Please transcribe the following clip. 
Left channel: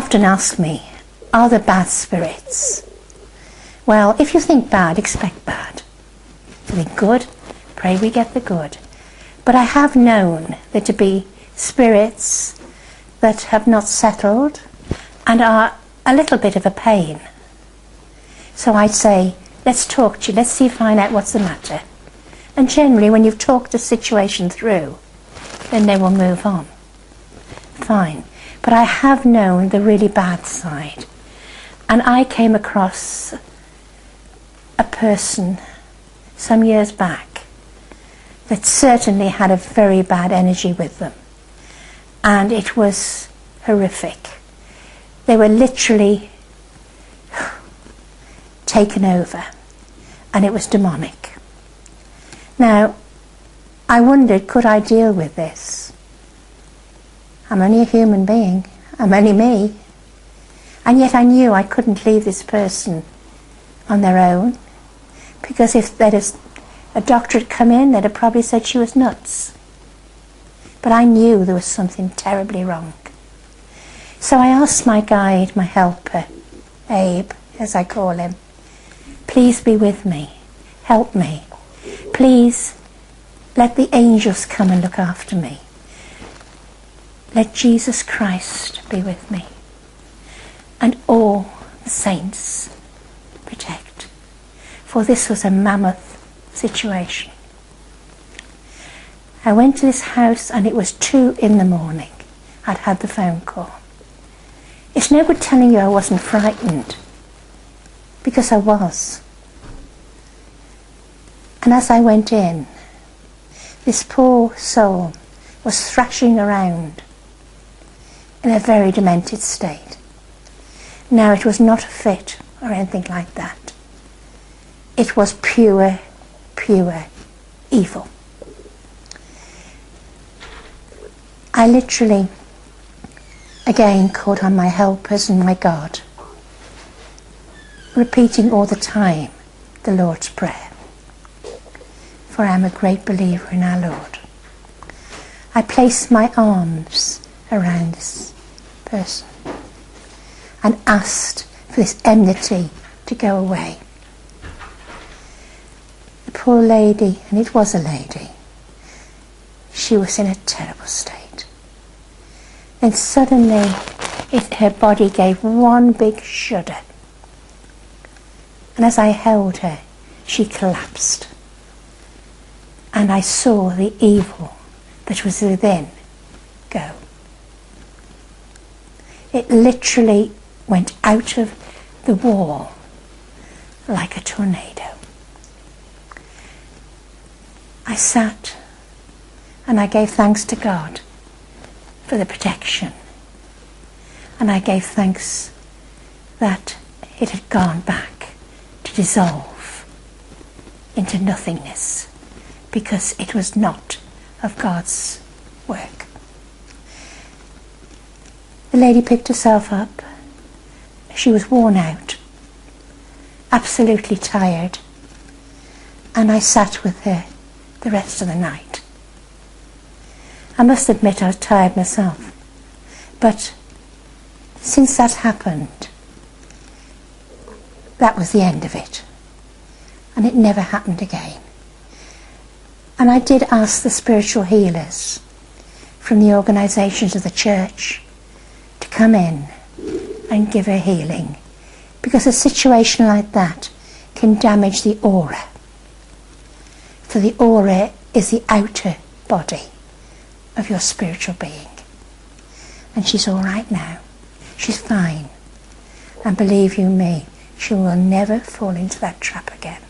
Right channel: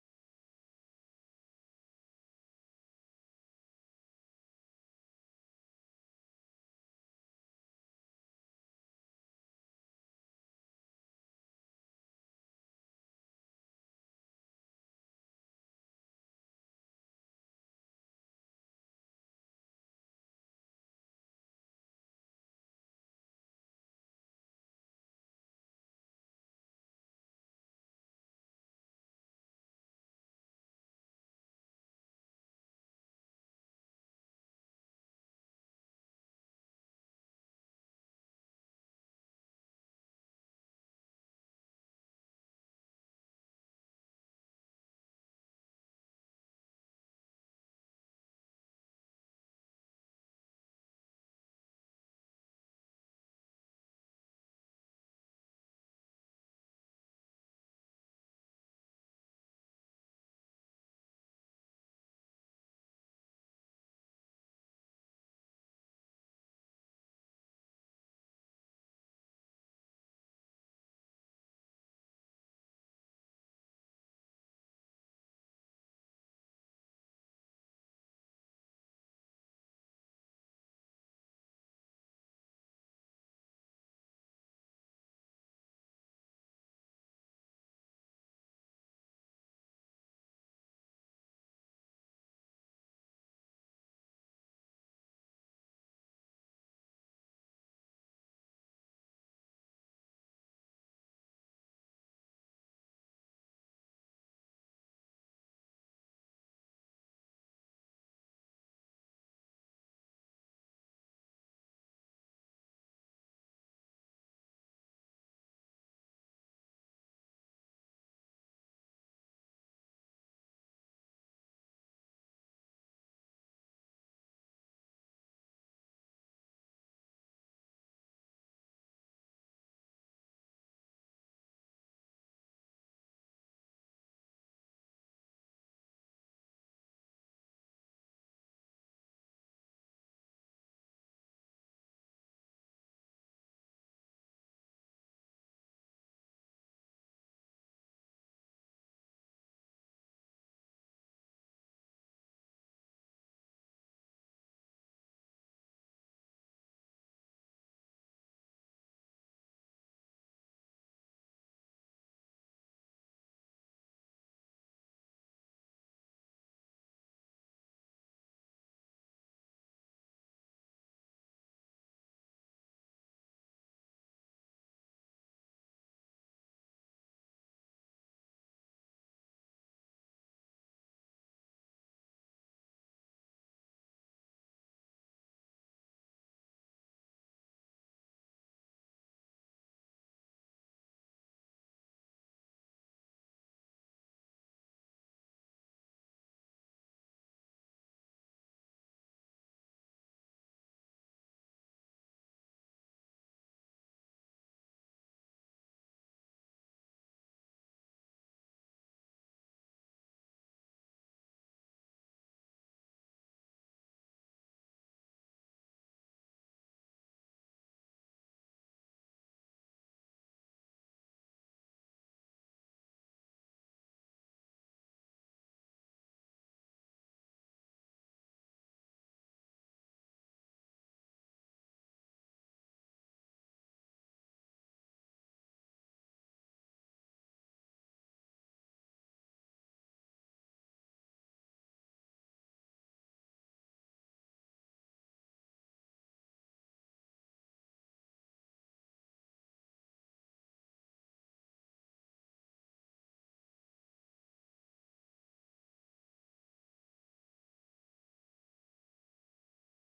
often ask me, are there bad spirits? Well, if you think bad, expect bad. If you think good, pray we get the good. But I have known there to be spirits that have not settled and are a little bit of a pain. So I'd say, let's talk to you, let's see, find out what's the matter. And generally, when you've talked the situation through, then they will move on. Fine. But I have known the really bad side. And I came across a person some years back that certainly had a very bad energy with them. And it was horrific. They were literally taken over, and it was demonic. Now, I wondered, could I deal with this? I'm only a human being. I'm only me. And yet I knew I couldn't leave this person on their own, because if a doctor had come in, they'd have probably said she was nuts. But I knew there was something terribly wrong. So I asked my guide, my helper, Abe, as I call him, please be with me, help me. Please let the angels come and look after me. Let Jesus Christ be with me. And all the saints protect. For this was a mammoth situation. I went to this house and it was 2 a.m. I'd had the phone call. It's no good telling you I wasn't frightened, because I was. And as I went in, this poor soul was thrashing around in a very demented state. Now, it was not a fit or anything like that. It was pure, pure evil. I literally, again, called on my helpers and my God, repeating all the time the Lord's Prayer. For I am a great believer in our Lord. I placed my arms around this person and asked for this enmity to go away. The poor lady, and it was a lady, she was in a terrible state. Then suddenly her body gave one big shudder. And as I held her, she collapsed. And I saw the evil that was within go. It literally went out of the wall like a tornado. I sat and I gave thanks to God for the protection. And I gave thanks that it had gone back to dissolve into nothingness, because it was not of God's work. The lady picked herself up. She was worn out, absolutely tired, and I sat with her the rest of the night. I must admit I was tired myself, but since that happened, that was the end of it, and it never happened again. And I did ask the spiritual healers from the organisations of the church to come in and give her healing, because a situation like that can damage the aura. For the aura is the outer body of your spiritual being. And she's all right now. She's fine. And believe you me, she will never fall into that trap again.